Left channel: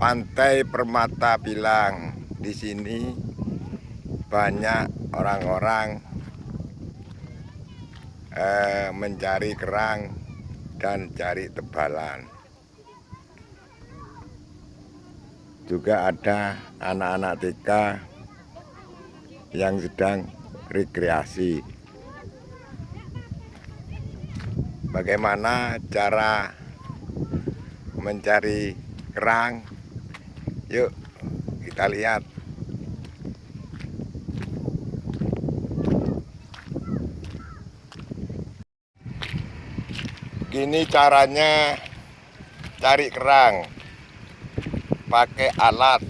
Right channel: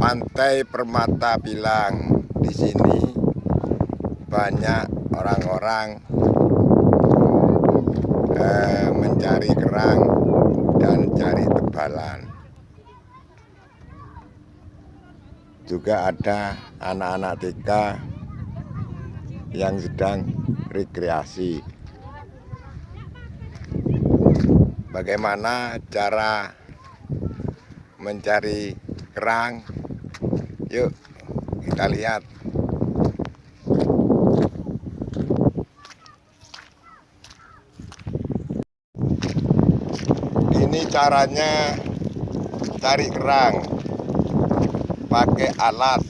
Pantai Permata Pilang. Di sini banyak orang-orang mencari kerang dan cari tebalan. Juga ada anak-anak TK yang sedang rekreasi. Bagaimana cara mencari kerang? Yuk kita lihat. Ini caranya cari kerang pakai alat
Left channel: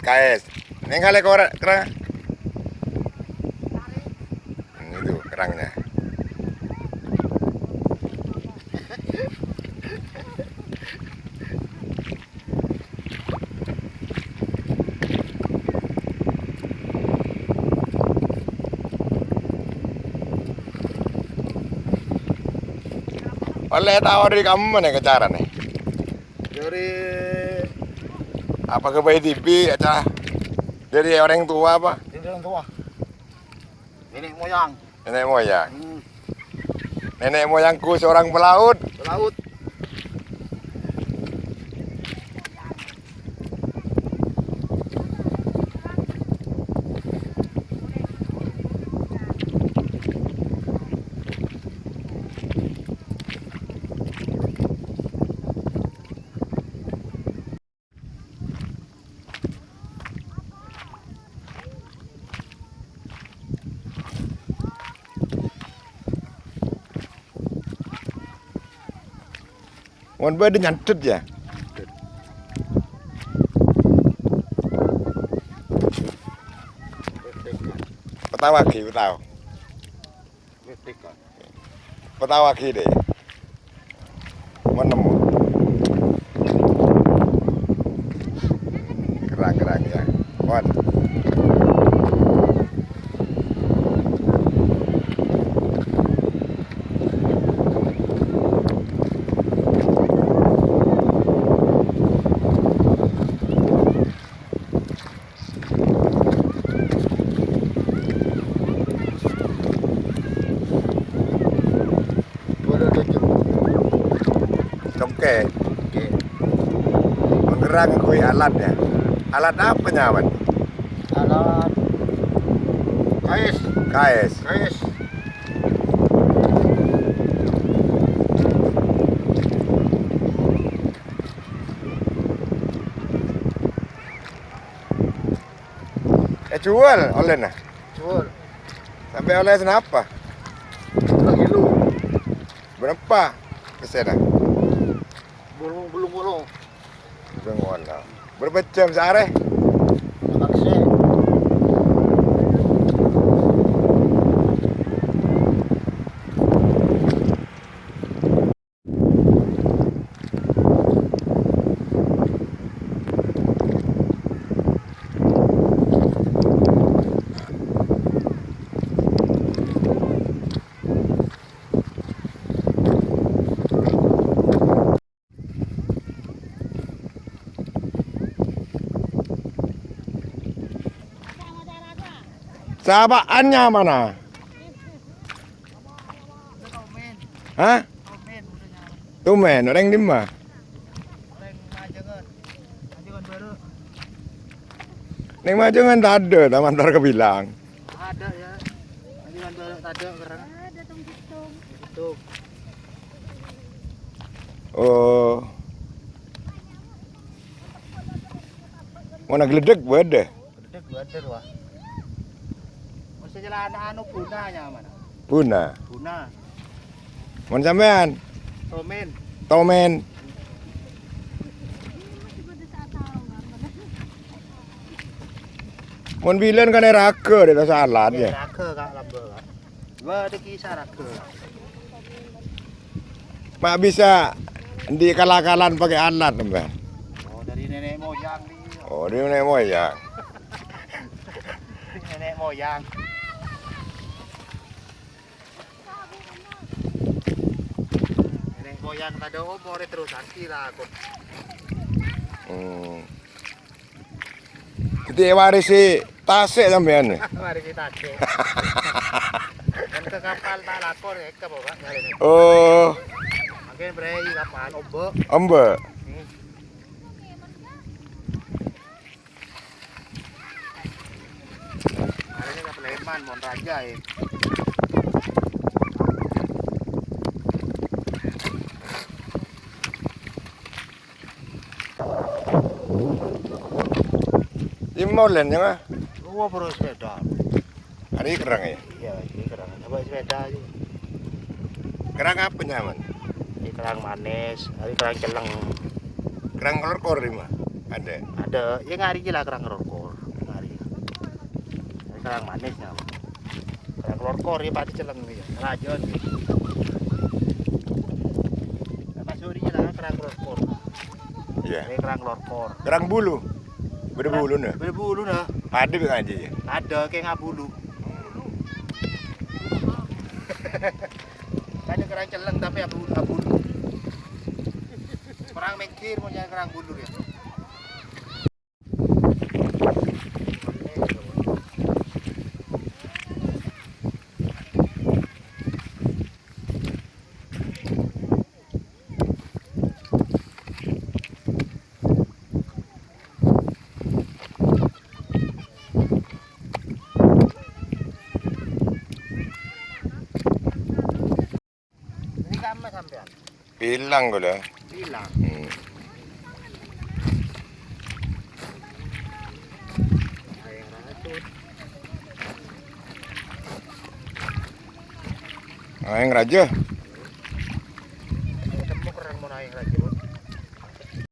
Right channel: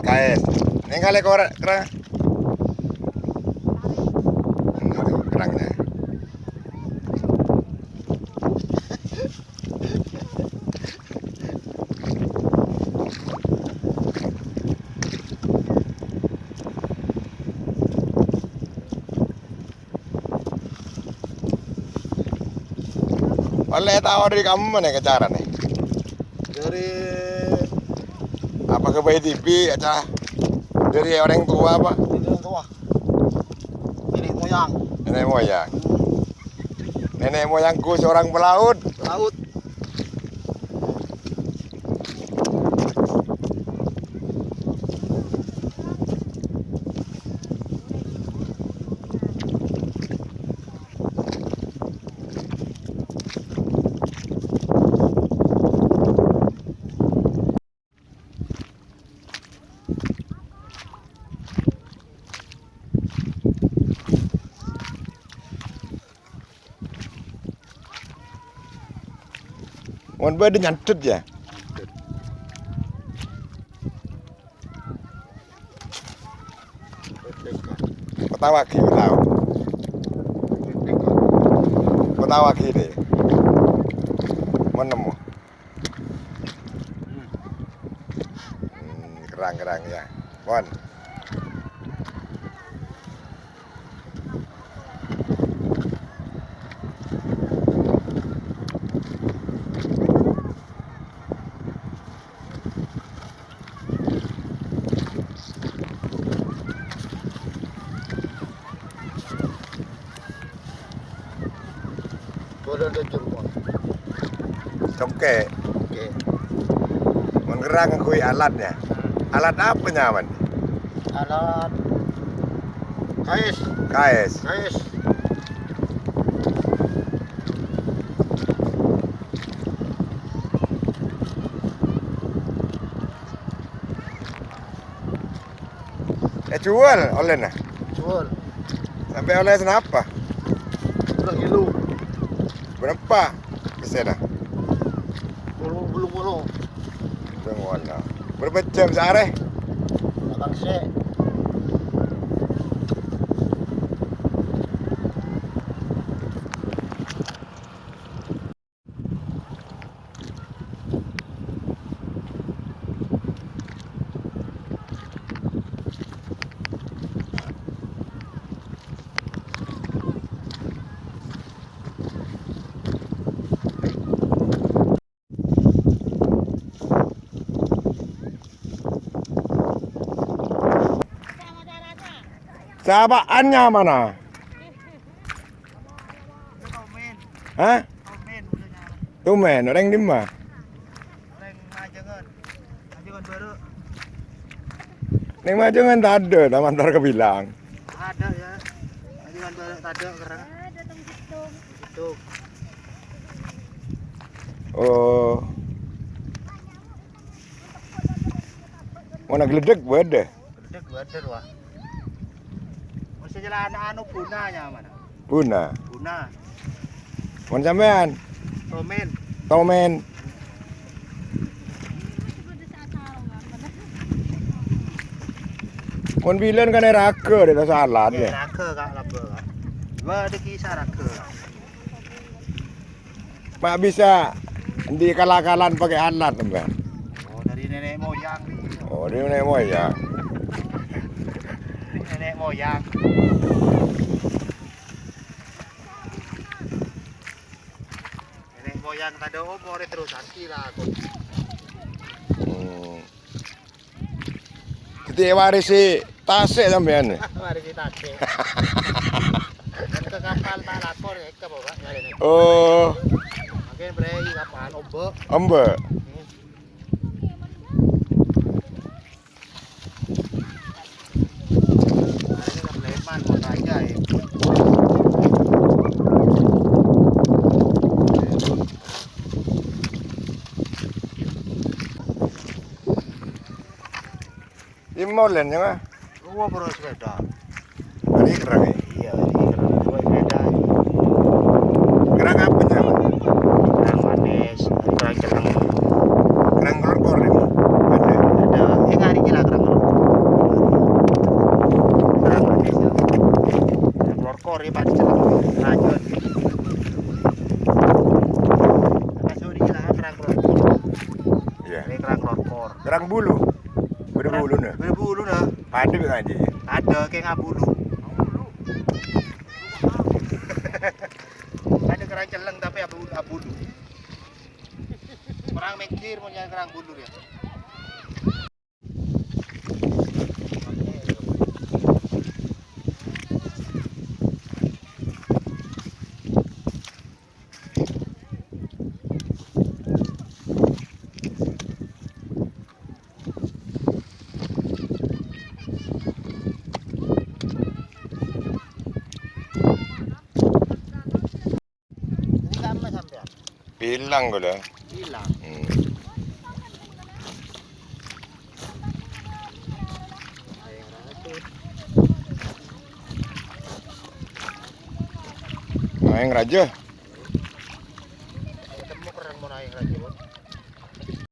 KS. Ini kali kerang itu kerangnya. Oleh tahu dari kamu mana cara nih? Dari Apa ke Bayi TV aja? Dari orang tua apa? orang tua, nenek moyang, Nenek moyang. Nenek moyangku seorang pelaut. laut. Mon bade nyantet ya. Petawaki tahu. Petawaki deh. Menemu. Kerang-kerang ya. Mon. Boleh dijemput. Congke. Oke. Menggerang kui alatnya. Alat apa nyaman? Alat KS, KS. KS. Jual oleh nah. Jual. Sampai oleh senapa? Lagi lu. Berapa pesanan? Belum. Dengono. Berapa jam sehari? Makan sih. Sahabatannya mana? Tomen. Hah? Tomen udahnya. Tumen, orang di mana? Orang majengan. Majengan baru. Neng Majengan tak ada, taman tar kebilang. Ada ya. Majengan baru tak ada karena itu. Oh. Mana geledek bade? Gede gede wah. Masih jalan anu punanya mana? Puna. Puna. Mon sampean? Tomen. Tomen. Mon bilen kan rake di salat ya. Rake kak laba kak. Dua ada kisah rake. Mak bisa di kalakalan pakai alat sampean. Oh dari nenek moyang nih. Oh, dia nenek moyang. Nenek moyang. moyang tadi umur terus anti lah aku. Kita warisi tasik sampean. Mari kita cek. Kan ke kapal tak lapor ya ke bawa nyari. Oh, Makin berani kapal ombak. ombak. Hari ini kan leman mau raja ya. Imolen ya mah. Wah bro sepeda. Hari kerang ya. Iya, dua sepeda. Kerang apa namanya? Kerang manis, kerang celeng. Kerang kelor ini mah. Ada. Ada, harinya lah kerang lo. Kerang manis ya. Kerang lorkor ya pak celeng. Lanjut. Apa suri lah kerang lorkor. Iya. Ini kerang lorkor. Kerang bulu. Berbulu nih. Berbulu dah. Ada aja ya. Ada kayak ngabulu. Ada kerang celeng tapi abulu. Orang mikir mau nyari kerang bulu ya. Ini sama sampean. Pilang gue dah. Bilang. Ayang racun. Nah, yang raja. Ketemu kerang mau ayang racun.